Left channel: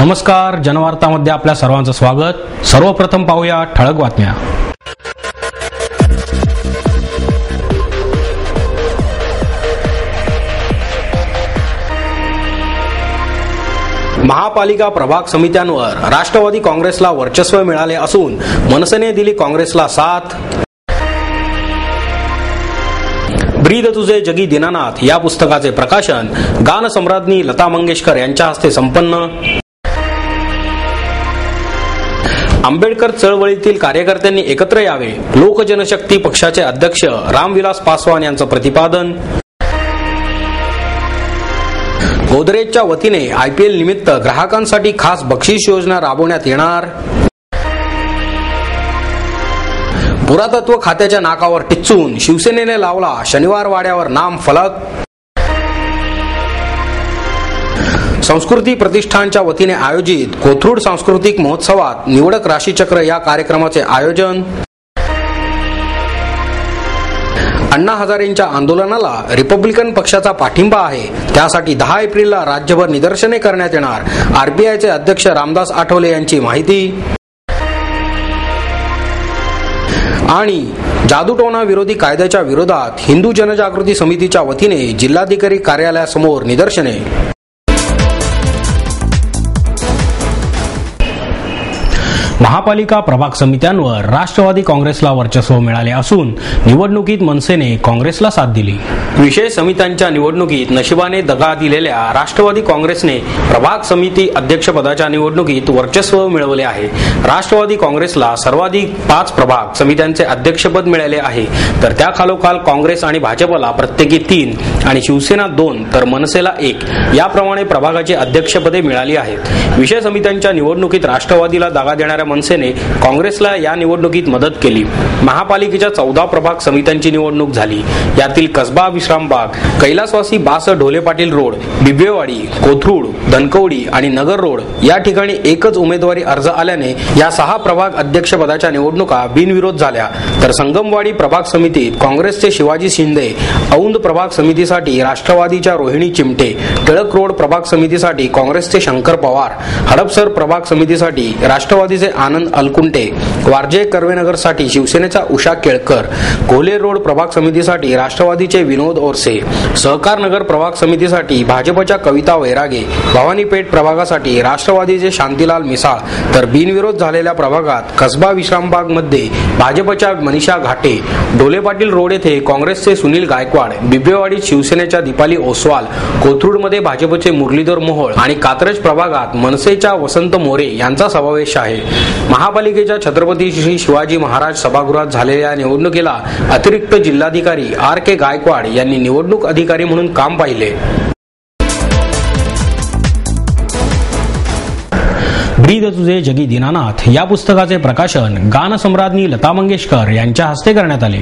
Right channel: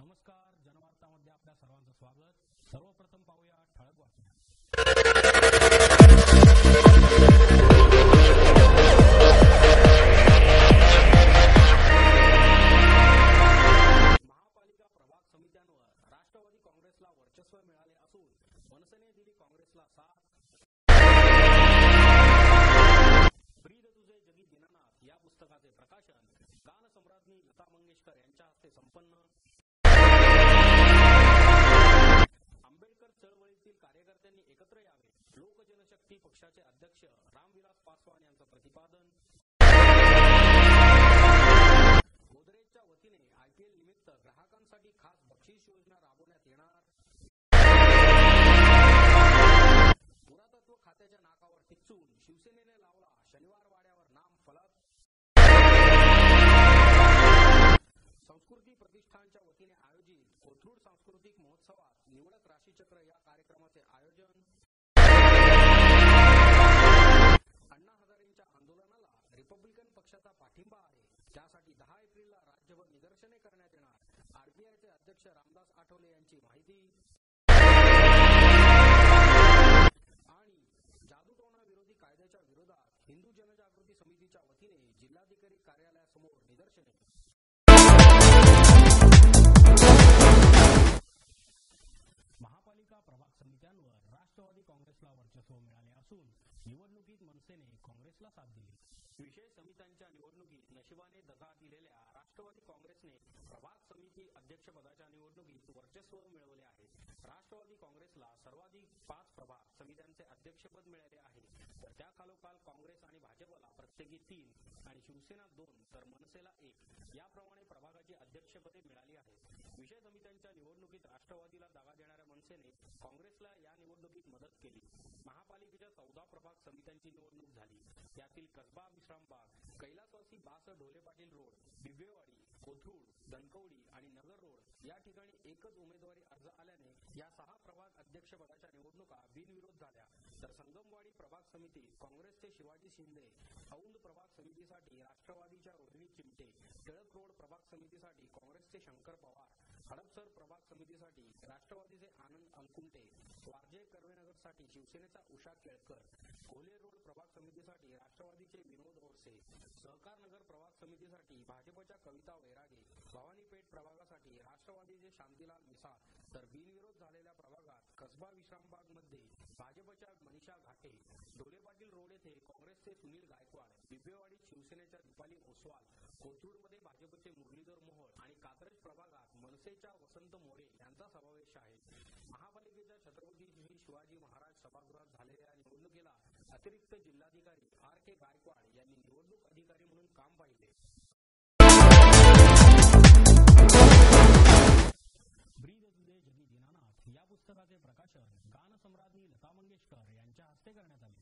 नमस्कार, जनवार्तामध्ये आपल्या सर्वांचं स्वागत। सर्वप्रथम पाहूया ठळक बातम्या। महापालिका प्रभाग समित्यांवर राष्ट्रवादी काँग्रेसला वर्चस्व मिळाले असून मनसेने दिली काँग्रेसला साथ। ब्रीद तुझे जगी दीनानाथ या पुस्तकाचे प्रकाशन गानसम्राज्ञी लता मंगेशकर यांच्या हस्ते संपन्न। आंबेडकर चळवळीतील कार्यकर्त्यांनी एकत्र यावे, लोक जनशक्ती पक्षाचे अध्यक्ष रामविलास पासवान यांचं प्रतिपादन। गोदरेजच्या वतीने IPL निमित्त ग्राहकांसाठी खास बक्षीस योजना राबवण्यात येणार। पुरातत्व खात्याच्या नाकावर टिच्चून शिवसेनेने लावला शनिवार वाड्यावर नाम फलक। संस्कृती प्रतिष्ठानच्या वतीने आयोजित कोथरूड सांस्कृतिक महोत्सवात निवडक राशीचक्र या कार्यक्रमाचे आयोजन। अण्णा हजारेंच्या आंदोलनाला रिपब्लिकन पक्षाचा पाठिंबा आहे, त्यासाठी 10 एप्रिलला राज्यभर निदर्शने करण्यात येणार। RBIचे अध्यक्ष रामदास आठवले यांची माहिती। आणि जादूटोणा विरोधी कायद्याच्या विरोधात हिंदू जनजागृती समितीच्या वतीने जिल्हाधिकारी कार्यालयासमोर निदर्शने। महापालिका प्रभाग समित्यांवर राष्ट्रवादी काँग्रेसला वर्चस्व मिळाले असून निवडणुकीत मनसेने काँग्रेसला साथ दिली। विशेष समित्यांच्या निवडणुकीत नशिबाने दगा दिलेल्या राष्ट्रवादी काँग्रेसने प्रभाग समिती अध्यक्षपदाच्या निवडणुकीत वर्चस्व मिळवले आहे। राष्ट्रवादी काँग्रेसला सर्वाधिक 5 प्रभाग समित्यांचे अध्यक्षपद मिळाले आहे, तर त्याखालोखाल काँग्रेस आणि भाजपला प्रत्येकी 3 आणि शिवसेना 2 तर मनसेला 1 याप्रमाणे प्रभागाची अध्यक्षपदे मिळाली आहेत। विशेष समित्यांच्या निवडणुकीत राष्ट्रवादीला दगा देणाऱ्या मनसेने काँग्रेसला या निवडणुकीत मदत केली। महापालिकेच्या 14 प्रभाग समित्यांची निवडणूक झाली। यातील कसबा विश्रामबाग, कैलासवासी बास ढोले पाटील रोड, बिबवेवाडी, कोथरूड, धनकवडी आणि नगर रोड या ठिकाणी एकच उमेदवारी अर्ज आल्याने या 6 प्रभाग अध्यक्षपदाच्या निवडणुका बिनविरोध झाल्या। तर संगमवाडी प्रभाग समितीत काँग्रेसचे शिवाजी शिंदे, औंध प्रभाग समितीसाठी राष्ट्रवादीच्या रोहिणी चिमटे, टिळक रोड प्रभाग समितीसाठी काँग्रेसचे शंकर पवार, हडपसर प्रभाग समितीसाठी राष्ट्रवादीचे आनंद अलकुंटे, वारजे कर्वेनगरसाठी शिवसेनेचा उषा केळकर, कोल्हे रोड प्रभाग समितीसाठी राष्ट्रवादीचे विनोद ओरसे, सहकार नगर प्रभाग समितीसाठी भाजपच्या कविता वैरागे, भवानीपेठ प्रभागासाठी राष्ट्रवादीचे शांतीलाल मिसाळ, तर बिनविरोध झालेल्या प्रभागात कसबा विश्रामबाग मध्ये भाजपच्या मनीषा घाटे, ढोले पाटील रोड येथे काँग्रेसचे सुनील गायकवाड, बिबवेवाडीत शिवसेनेच्या दीपाली ओसवाल, कोथरूडमध्ये भाजपचे मुरलीधर मोहोळ आणि कात्रज प्रभागात मनसेच्या वसंत मोरे यांचा समावेश आहे। महापालिकेच्या छत्रपती श्री शिवाजी महाराज सभागृहात झालेल्या निवडणुकीला अतिरिक्त जिल्हाधिकारी RK गायकवाड यांनी निवडणूक अधिकारी म्हणून काम पाहिले। ब्रीद तुझे जगी दीनानाथ या पुस्तकाचे प्रकाशन गानसम्राज्ञी लता मंगेशकर यांच्या हस्ते करण्यात आले।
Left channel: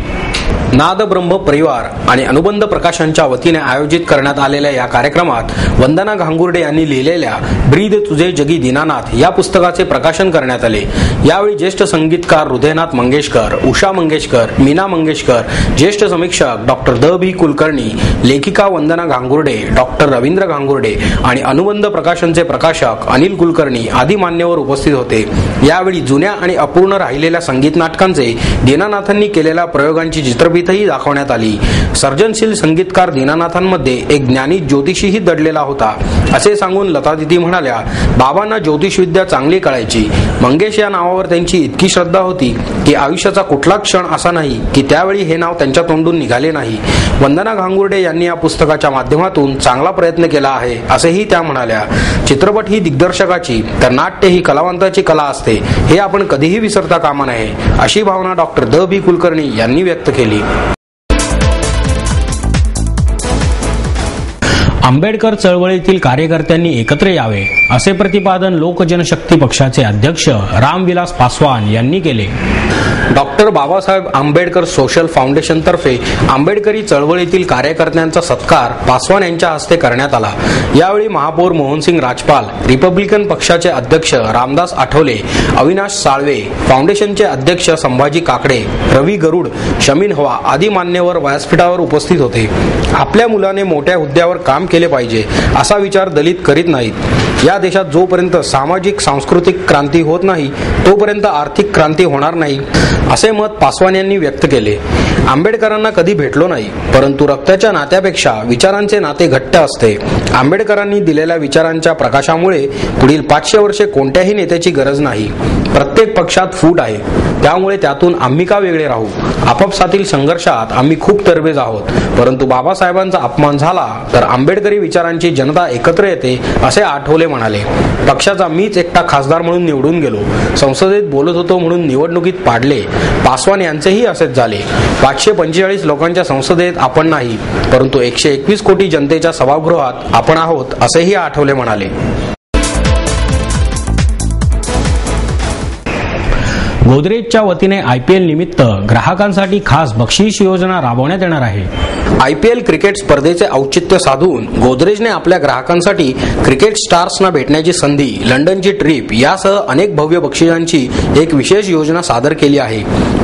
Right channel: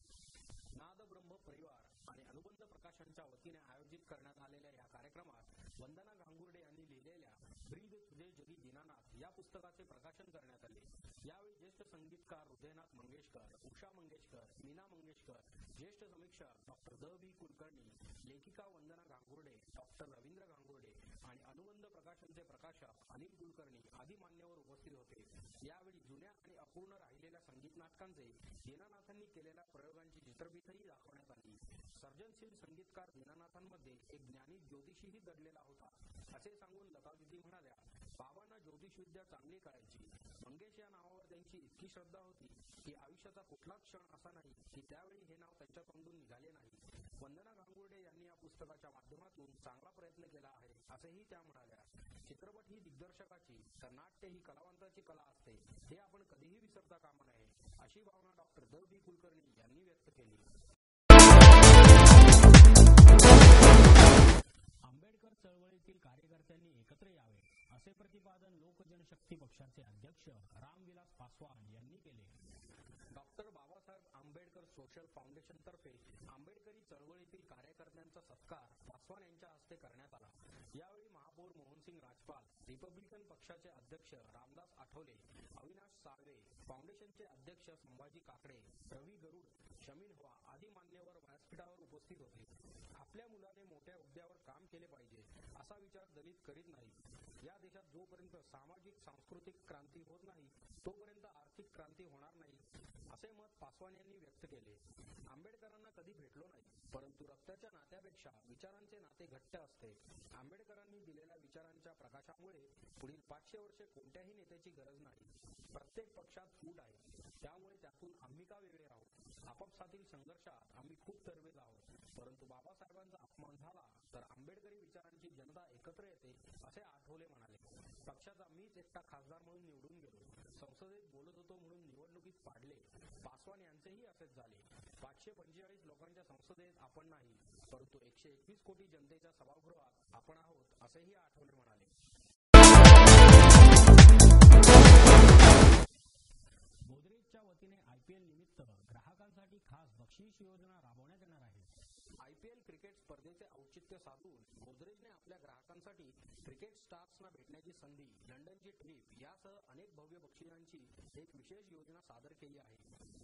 नाद ब्रह्म परिवार आणि अनुबंध प्रकाशनच्या वतीने आयोजित करण्यात आलेल्या या कार्यक्रमात वंदना घांगुर्डे यांनी लिहिलेल्या ब्रीद तुझे जगी दीनानाथ या पुस्तकाचे प्रकाशन करण्यात आले। यावेळी ज्येष्ठ संगीतकार हृदयनाथ मंगेशकर, उषा मंगेशकर, मीना मंगेशकर, ज्येष्ठ समीक्षक डॉक्टर द.भी. कुलकर्णी, लेखिका वंदना घांगुर्डे, डॉक्टर रवींद्र घांगुर्डे आणि अनुबंध प्रकाशनचे प्रकाशक अनिल कुलकर्णी आदी मान्यवर उपस्थित होते। यावेळी जुन्या आणि अपूर्ण राहिलेल्या संगीत नाटकांचे दीनानाथांनी केलेल्या प्रयोगांची चित्रफीतही दाखवण्यात आली। सर्जनशील संगीतकार दीनानाथांमध्ये एक ज्ञानी ज्योतिषीही दडलेला होता असे सांगून लता दिदी म्हणाल्या, बाबांना ज्योतिषविद्या चांगली कळायची। मंगेश या नावावर त्यांची इतकी श्रद्धा होती की आयुष्याचा कुठला क्षण असा नाही की त्यावेळी हे नाव त्यांच्या तोंडून निघाले नाही। वंदना घांगुर्डे यांनी या पुस्तकाच्या माध्यमातून चांगला प्रयत्न केला आहे असेही त्या म्हणाल्या। चित्रपट ही दिग्दर्शकाची तर नाट्य ही कलावंताची कला असते, हे आपण कधीही विसरता कामा नये अशी भावना डॉक्टर द.भी. कुलकर्णी यांनी व्यक्त केली। आंबेडकर चळवळीतील कार्यकर्त्यांनी एकत्र यावे असे प्रतिपादन लोक जनशक्ती पक्षाचे अध्यक्ष रामविलास पासवान यांनी केले। Doctor Babasaheb Ambedkar social foundation तर्फे आंबेडकरी चळवळीतील कार्यकर्त्यांचा सत्कार पासवान यांच्या हस्ते करण्यात आला। यावेळी महापौर मोहनसिंग राजपाल, रिपब्लिकन पक्षाचे अध्यक्ष रामदास आठवले, अविनाश साळवे, फाउंडेशनचे अध्यक्ष संभाजी काकडे, रवी गरुड, शमीन हवा आदी मान्यवर व्यासपीठावर उपस्थित होते। आपल्या मुलाने मोठ्या हुद्द्यावर काम केले पाहिजे असा विचार दलित करीत नाहीत। या देशात जोपर्यंत सामाजिक सांस्कृतिक क्रांती होत नाही तोपर्यंत आर्थिक क्रांती होणार नाही, असे मत पासवान यांनी व्यक्त केले. आंबेडकरांना कधी भेटलो नाही, परंतु रक्ताच्या नात्यापेक्षा विचारांचे नाते घट्ट असते. आंबेडकरांनी दिलेल्या विचारांच्या प्रकाशामुळे पुढील 500 वर्षे कोणत्याही नेत्याची गरज नाही. प्रत्येक पक्षात फूट आहे, त्यामुळे त्यातून आम्ही का वेगळे राहू? आपापसातील संघर्षात आम्ही खूप तरबेज आहोत, परंतु बाबासाहेबांचा अपमान झाला तर आंबेडकरी विचारांची जनता एकत्र येते, असे आठवले म्हणाले. पक्षाचा मीच एकटा खासदार म्हणून निवडून गेलो, संसदेत बोलत होतो म्हणून निवडणुकीत पाडले. पासवान यांचेही असेच झाले. 545 लोकांच्या संसदेत आपण नाही, परंतु 121 कोटी जनतेच्या सभागृहात आपण आहोत, असेही आठवले म्हणाले. गोदरेजच्या वतीने IPL निमित्त ग्राहकांसाठी खास बक्षीस योजना राबवण्यात येणार आहे. IPL क्रिकेट स्पर्धेचे औचित्य साधून गोदरेजने आपल्या ग्राहकांसाठी क्रिकेट स्टार्सना भेटण्याची संधी, लंडनची ट्रिप यासह अनेक भव्य बक्षिसांची एक विशेष योजना सादर केली आहे.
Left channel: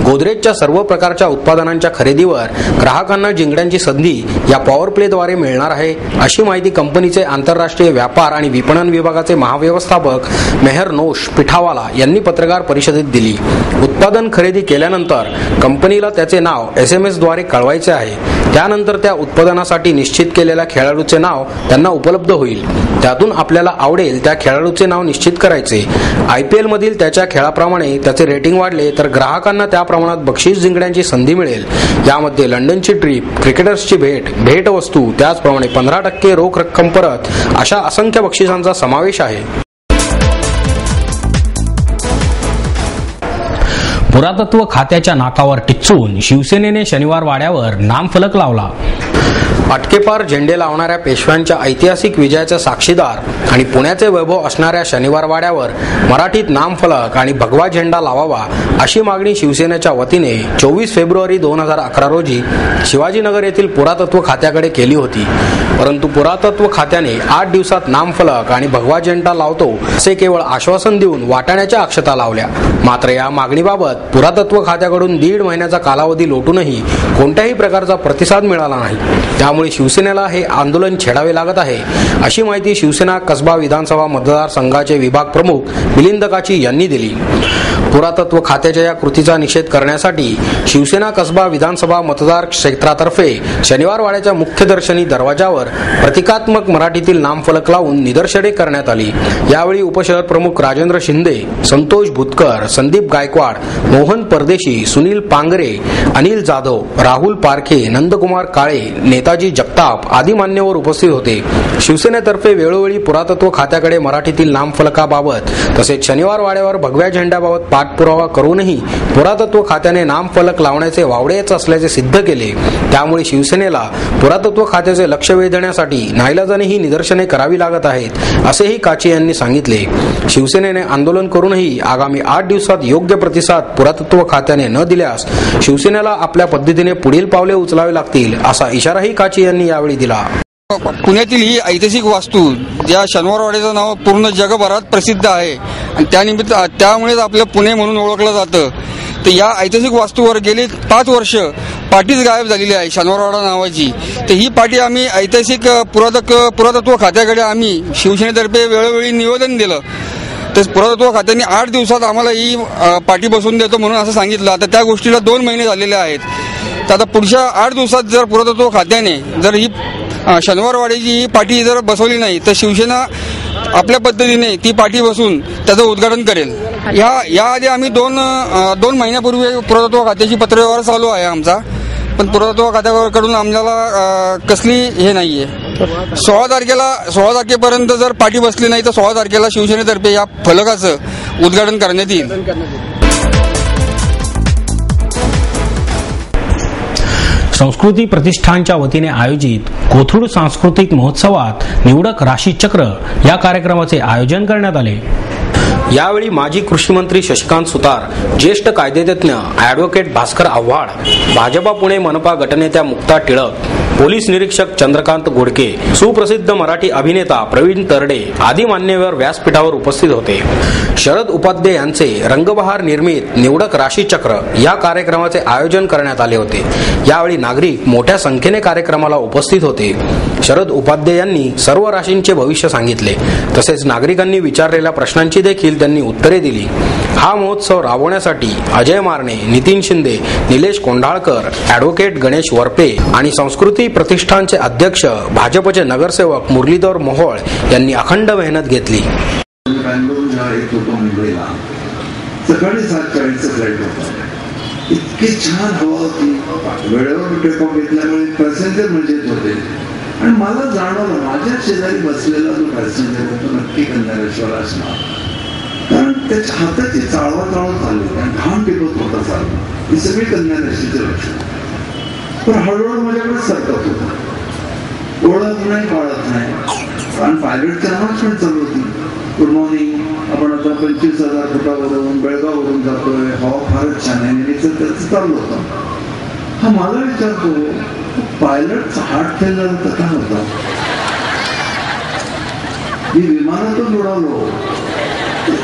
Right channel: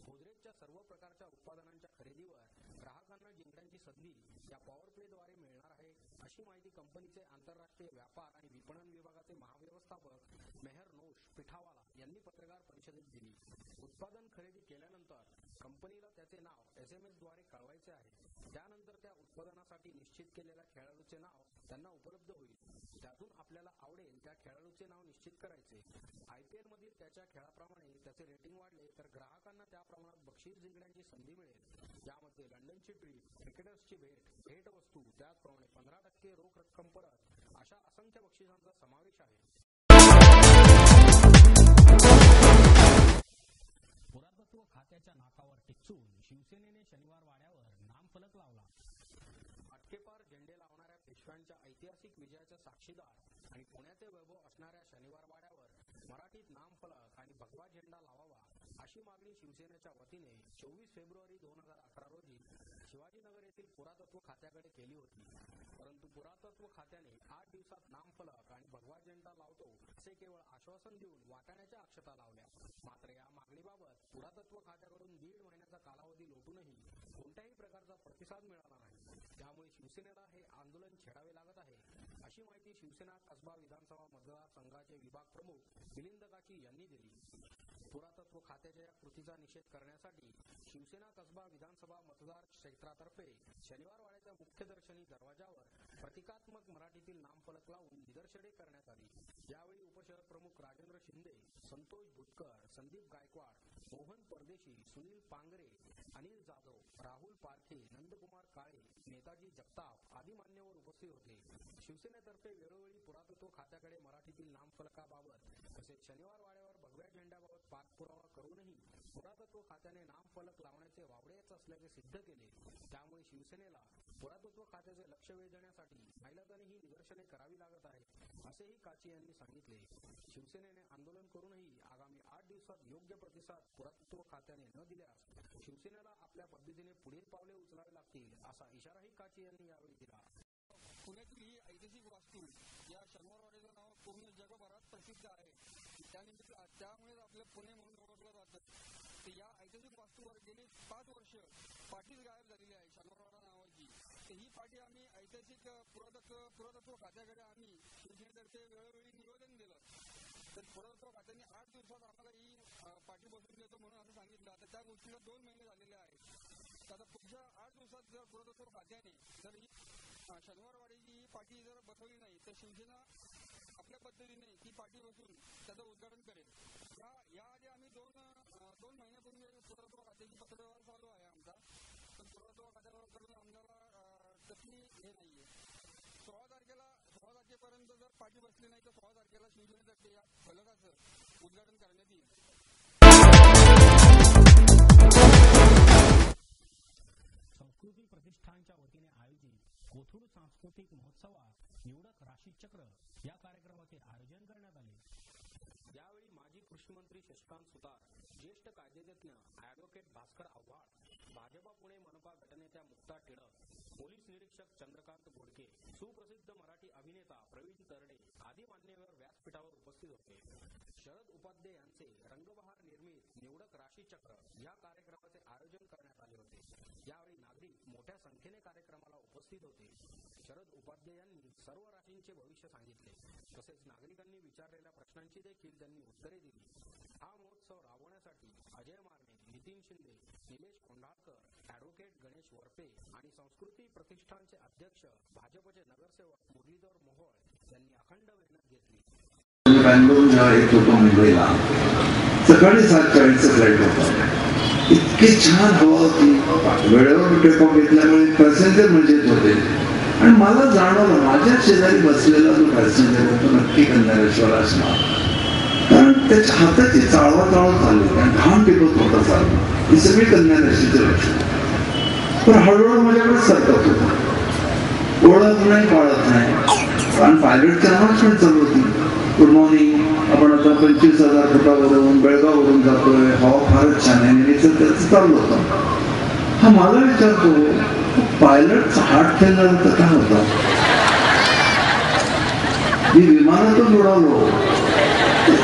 गोदरेजच्या सर्व प्रकारच्या उत्पादनांच्या खरेदीवर ग्राहकांना जिंकण्याची संधी या पॉवर प्लेद्वारे मिळणार आहे, अशी माहिती कंपनीचे आंतरराष्ट्रीय व्यापार आणि विपणन विभागाचे महाव्यवस्थापक मेहर नोश पिठावाला यांनी पत्रकार परिषदेत दिली. उत्पादन खरेदी केल्यानंतर कंपनीला त्याचे नाव SMS द्वारे कळवायचे आहे. त्यानंतर त्या उत्पादनासाठी निश्चित केलेल्या खेळाडूचे नाव त्यांना उपलब्ध होईल. त्यातून आपल्याला आवडेल त्या खेळाडूचे नाव निश्चित करायचे. IPL मधील त्याच्या खेळाप्रमाणे त्याचे रेटिंग वाढले तर ग्राहकांना त्या प्रमाणात बक्षीस जिंकण्याची संधी मिळेल. यामध्ये लंडनची ट्रिप, क्रिकेटर्सची भेटवस्तू, त्याचप्रमाणे 15% रोख रक्कम परत अशा असंख्य बक्षिसांचा समावेश आहे. पुरातत्व खात्याच्या नाकावर टिच्चून शिवसेनेने शनिवार वाड्यावर नामफलक लावला. अटकेपार झेंडे लावणाऱ्या पेशव्यांच्या ऐतिहासिक विजयाचा साक्षीदार आणि पुण्याचे वैभव असणाऱ्या शनिवार वाड्यावर मराठीत नामफलक आणि भगवा झेंडा लावावा अशी मागणी शिवसेनेच्या वतीने 24 फेब्रुवारी 2011 रोजी शिवाजीनगर येथील पुरातत्व खात्याकडे केली होती. परंतु पुरातत्व खात्याने 8 दिवसात नामफलक आणि भगवा झेंडा लावतो असे केवळ आश्वासन देऊन वाटाण्याच्या अक्षता लावल्या. मात्र या मागणीबाबत पुरातत्व खात्याकडून 1.5 महिन्याचा कालावधी लोटूनही कोणत्याही प्रकारचा प्रतिसाद मिळाला नाही. त्यामुळे शिवसेनेला हे आंदोलन छेडावे लागत आहे, अशी माहिती शिवसेना कसबा विधानसभा मतदारसंघाचे विभाग प्रमुख मिलिंद काची यांनी दिली. पुरातत्व खात्याच्या या कृतीचा निषेध करण्यासाठी शिवसेना कसबा विधानसभा मतदार क्षेत्रातर्फे शनिवार वाड्याच्या मुख्य दर्शनी दरवाजावर प्रतिकात्मक मराठीतील नामफलक लावून निदर्शने करण्यात आली. यावेळी उपशहर प्रमुख राजेंद्र शिंदे, संतोष भुतकर, संदीप गायकवाड, मोहन परदेशी, सुनील पांगरे, अनिल जाधव, राहुल पारखे, नंदकुमार काळे, नेताजी जगताप आदी मान्यवर उपस्थित होते. शिवसेनेतर्फे वेळोवेळी पुरातत्व खात्याकडे मराठीतील नामफलकाबाबत तसेच शनिवार वाड्यावर भगव्या झेंड्याबाबत पाठपुरावा करूनही पुरातत्व खात्याने नामफलक लावण्याचे वावडेच असल्याचे सिद्ध केले. त्यामुळे शिवसेनेला पुरातत्व खात्याचे लक्ष वेधण्यासाठी नाईलाजाने ही निदर्शने करावी लागत आहेत, असेही काचे यांनी सांगितले. शिवसेनेने आंदोलन करूनही आगामी 8 दिवसात योग्य प्रतिसाद पुरातत्व खात्याने न दिल्यास शिवसेनेला आपल्या पद्धतीने पुढील पावले उचलावे लागतील, असा इशाराही काचे यांनी यावेळी दिला. पुण्यातील ही ऐतिहासिक वास्तू ज्या शनिवारवाड्याचं नाव पूर्ण जगभरात प्रसिद्ध आहे आणि त्यामुळेच आपलं पुणे म्हणून ओळखलं जातं. तर या ऐतिहासिक वास्तूवर गेली 5 वर्ष पाटीच गायब झालेली आहे शनिवारवाडा नावाची. तर ही पाटी आम्ही ऐतिहासिक पुरातत्व खात्याकडे आम्ही शिवसेनेतर्फे वेळोवेळी निवेदन दिलं. तर पुरातत्व खात्याने 8 दिवसात आम्हाला ही पाटी बसवून देतो म्हणून असं सांगितलं. आता त्या गोष्टीला 2 महिने झालेले आहेत. तर आता पुढच्या 8 दिवसात जर पुरातत्व खात्याने जर ही शनिवारवाड्याची ही पाटी जर बसवली नाही तर शिवसेना आपल्या पद्धतीने ती पाटी बसून त्याचं उद्घाटन करेल. याआधी आम्ही 2 महिन्यापूर्वी पुरातत्व खात्याची पत्रव्यवहार चालू आहे आमचा, पण पुरातत्व खात्याकडून आम्हाला कसली हे नाहीये. 16 तारखेपर्यंत जर पाटी बसली नाही तर 16 तारखेला शिवसेनेतर्फे या फलकाचं उद्घाटन करण्यात येईल. संस्कृती प्रतिष्ठानच्या वतीने आयोजित कोथरूड सांस्कृतिक महोत्सवात निवडक राशी चक्र या कार्यक्रमाचे आयोजन करण्यात आले. यावेळी माजी कृषी मंत्री शशिकांत सुतार, ज्येष्ठ कायदेतज्ञ ॲडव्होकेट भास्कर आव्हाड, भाजपा पुणे मनपा गटनेत्या मुक्ता टिळक, पोलीस निरीक्षक चंद्रकांत गोडके, सुप्रसिद्ध मराठी अभिनेता प्रवीण तरडे आदी मान्यवर व्यासपीठावर उपस्थित होते. शरद उपाध्ये यांचे रंगबहार निर्मित निवडक राशीचक्र या कार्यक्रमाचे आयोजन करण्यात आले होते. यावेळी नागरिक मोठ्या संख्येने कार्यक्रमाला उपस्थित होते. शरद उपाध्ये यांनी सर्व राशींचे भविष्य सांगितले. तसेच नागरिकांनी विचारलेल्या प्रश्नांची देखील त्यांनी उत्तरे दिली. हा महोत्सव राबवण्यासाठी अजय मारणे, नितीन शिंदे, निलेश कोंढाळकर, ॲडव्होकेट गणेश वरपे आणि संस्कृती प्रतिष्ठानचे अध्यक्ष भाजपचे नगरसेवक मुरलीधर मोहोळ यांनी अखंड मेहनत घेतली. बँगलोर जेव्हा येत होतो मुंबईला, सकाळी 7:40 फ्लाईट होता. इतकी छान हवा होती, वेळेवर टेकऑफ घेतल्यामुळे पॅसेंजर मजेत होते. आणि मला जाणवलं माझ्या शेजारी बसलेला जो पॅसेंजर होतो नक्की कन्यारेश्वर असणार, कारण त्याच्या हाताची चाळवा चालली, घाम टिकत होता चालला. ही सगळी कन्यारेशीचे लक्षण. पण हळूहळू माझ्याकडे सरकत होता, ओळख नाही पाळत नाही, कारण पायलटची अनाउन्समेंट चालू होती. गुड मॉर्निंग, आपण आता 25,000 फुटावरून बेळगाववरून जातोय, हवा फारच छान आहे. त्याचं चालू होतं. हा मला विचारतो, पायलटचा हार्ट फेल्युअर तर काय होता? मी विमानातून उडालो,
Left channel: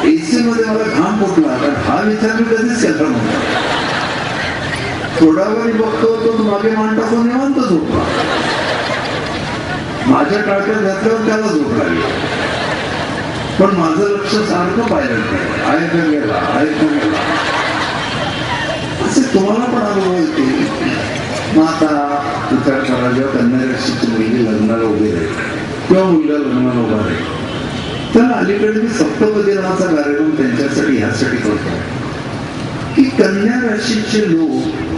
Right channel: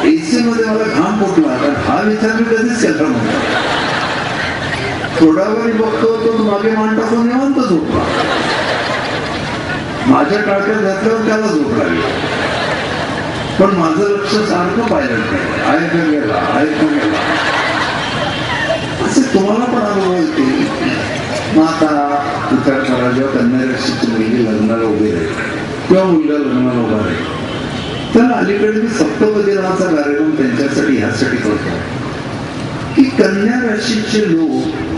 एसी मध्ये मला घाम फुटला, कारण हा विचार मी कधीच केला नव्हता. थोडा वेळ बघतो तो मागे मान टाकून निवांत झोपला. माझ्या टाळक्यात घातल्यावर त्याला झोप लागली. पण माझं लक्ष सारखं पायलट आहे का गेला, आहे का गेला. असे तुम्हाला पण अनुभव येते. मग आता विचार करा, जेव्हा कन्यारेशीची मुलगी लग्नाला उभी राहील किंवा मुलगा लग्नाला उभा राहील, तर अलीकडे मी सप्तपदी नावाचा कार्यक्रम त्यांच्यासाठी ह्यासाठी करतो की कन्या राशीचे लोक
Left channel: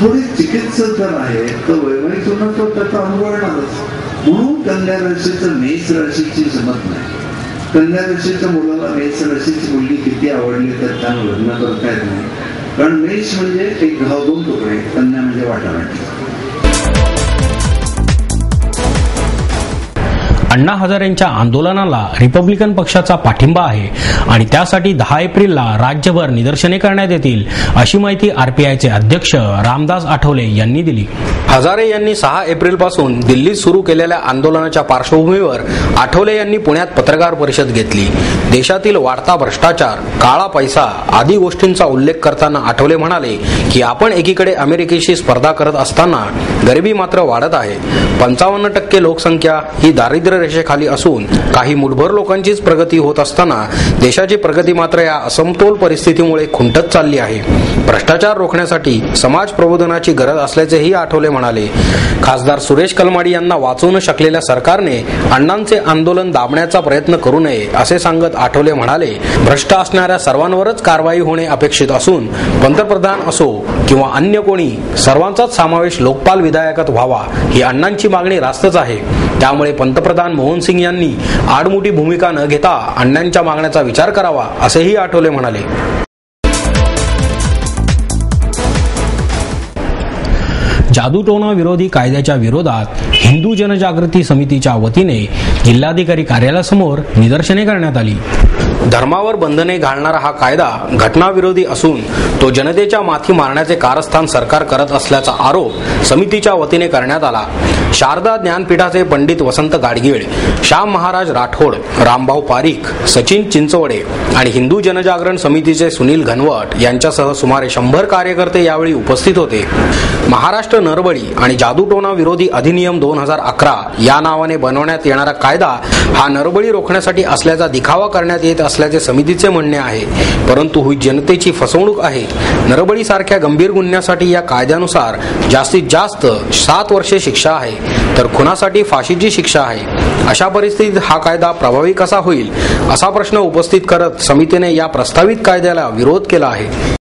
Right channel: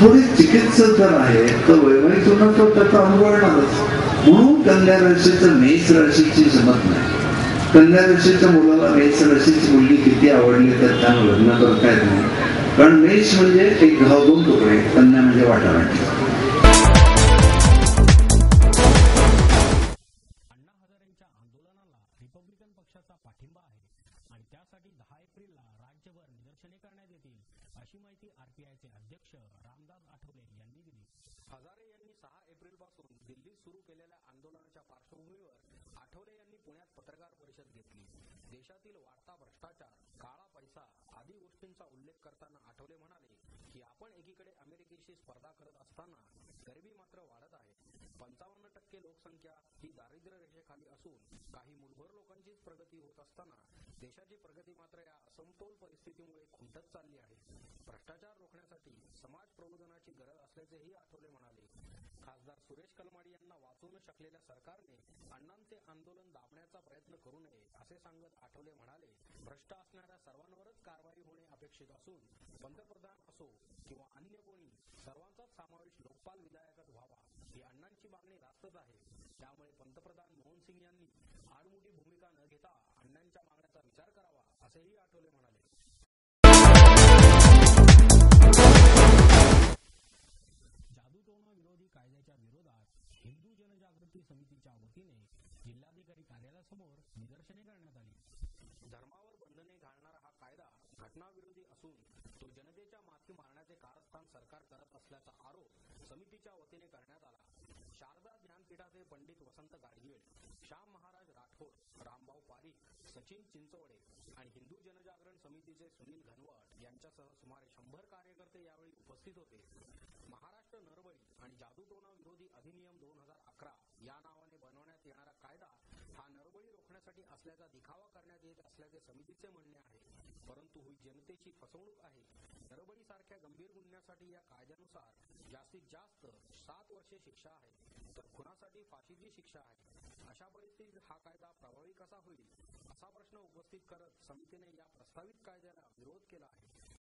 थोडे चिकित्सक जर आहेत तर वैवाहिक जीवनात तो त्याचा अनुभव येणारच. म्हणून कन्या राशीचं मेष राशीची जमत नाही. कन्या राशीच्या मुलाला मेष राशीची मुलगी किती आवडली तर त्यानं लग्न करता येत नाही, कारण मेष म्हणजे एक घाव 2 तुकडे, कन्या म्हणजे वाटाघाटी. अण्णा हजारेंच्या आंदोलनाला रिपब्लिकन पक्षाचा पाठिंबा आहे आणि त्यासाठी 10 एप्रिलला राज्यभर निदर्शने करण्यात येतील, अशी माहिती आरपीआयचे अध्यक्ष रामदास आठवले यांनी दिली. हजारे यांनी 6 एप्रिलपासून दिल्लीत सुरू केलेल्या आंदोलनाच्या पार्श्वभूमीवर आठवले यांनी पुण्यात पत्रकार परिषद घेतली. देशातील वाढता भ्रष्टाचार, काळा पैसा आदी गोष्टींचा उल्लेख करताना आठवले म्हणाले की आपण एकीकडे अमेरिकेशी स्पर्धा करत असताना गरिबी मात्र वाढत आहे. 55% लोकसंख्या ही दारिद्र्य रेषेखाली असून काही मुठभर लोकांचीच प्रगती होत असताना देशाची प्रगती मात्र या असमतोल परिस्थितीमुळे खुंटत चालली आहे. भ्रष्टाचार रोखण्यासाठी समाज प्रबोधनाची गरज असल्याचेही आठवले म्हणाले. खासदार सुरेश कलमाडी यांना वाचवू न शकलेल्या सरकारने अण्णांचे आंदोलन दाबण्याचा प्रयत्न करू नये असे सांगत आठवले म्हणाले, भ्रष्ट असणाऱ्या सर्वांवरच कारवाई होणे अपेक्षित असून पंतप्रधान असो किंवा अन्य कोणी, सर्वांचाच समावेश लोकपाल विधायकात व्हावा ही अण्णांची मागणी रास्तच आहे. त्यामुळे पंतप्रधान मनमोहन सिंग यांनी आडमुठी भूमिका न घेता अण्णांच्या मागण्याचा विचार करावा असेही आठवले म्हणाले. जादूटोणा विरोधी कायद्याच्या विरोधात हिंदू जनजागृती समितीच्या वतीने जिल्हाधिकारी कार्यालयासमोर निदर्शने करण्यात आली. धर्मावर बंधने घालणारा हा कायदा घटनाविरोधी असून तो जनतेच्या माथी मारण्याचे कारस्थान सरकार करत असल्याचा आरोप समितीच्या वतीने करण्यात आला. शारदा ज्ञानपीठाचे पंडित वसंत गाडगीळ, श्याम महाराज राठोड, रामभाऊ पारीख, सचिन चिंचवडे आणि हिंदू जनजागरण समितीचे सुनील घनवट यांच्यासह सुमारे 100 कार्यकर्ते यावेळी उपस्थित होते. महाराष्ट्र नरबळी आणि जादूटोणा विरोधी अधिनियम 2011 या नावाने बनवण्यात येणारा कायदा हा नरबळी रोखण्यासाठी असल्याचा दिखावा करण्यात येत असल्याचे समितीचे म्हणणे आहे. परंतु ही जनतेची फसवणूक आहे. नरबळी सारख्या गंभीर गुन्ह्यासाठी या कायद्यानुसार जास्तीत जास्त 7 वर्षे शिक्षा आहे, तर खुनासाठी फाशीची शिक्षा आहे. अशा परिस्थितीत हा कायदा प्रभावी कसा होईल असा प्रश्न उपस्थित करत समितीने या प्रस्तावित कायद्याला विरोध केला आहे.